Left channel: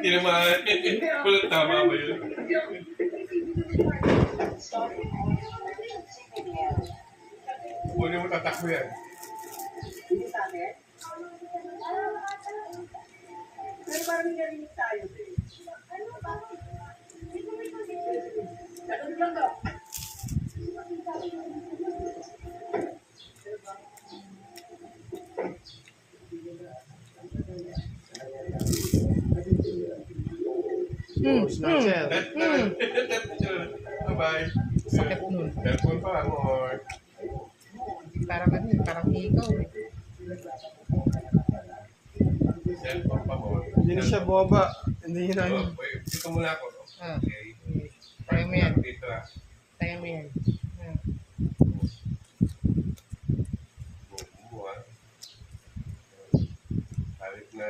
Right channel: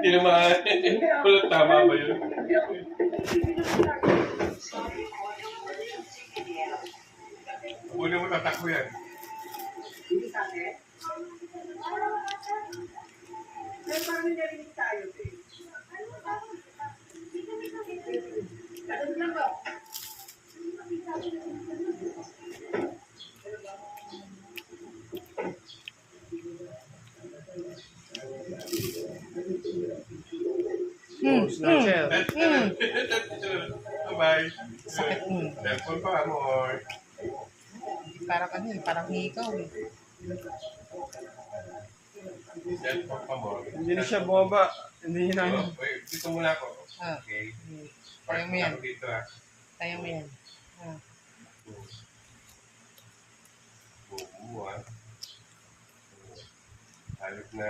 Tinamaan. Wala, tama ba yun? Kunin mo tatakbo yan. Pero parang narinig tayo, eh. Ganun lang ba? Bye-bye. Sakit nun. Cellphone pa, amor. Parang ano eh, parang ikaw eh. Cellphone pa, amor. Hindi na siya bumaba. Hindi na ano. Wait, dito muna ako. Ah. Okay. Kaya mo yan. Dito ah. Kaya mo yan. Ah. Oo ah. Halit na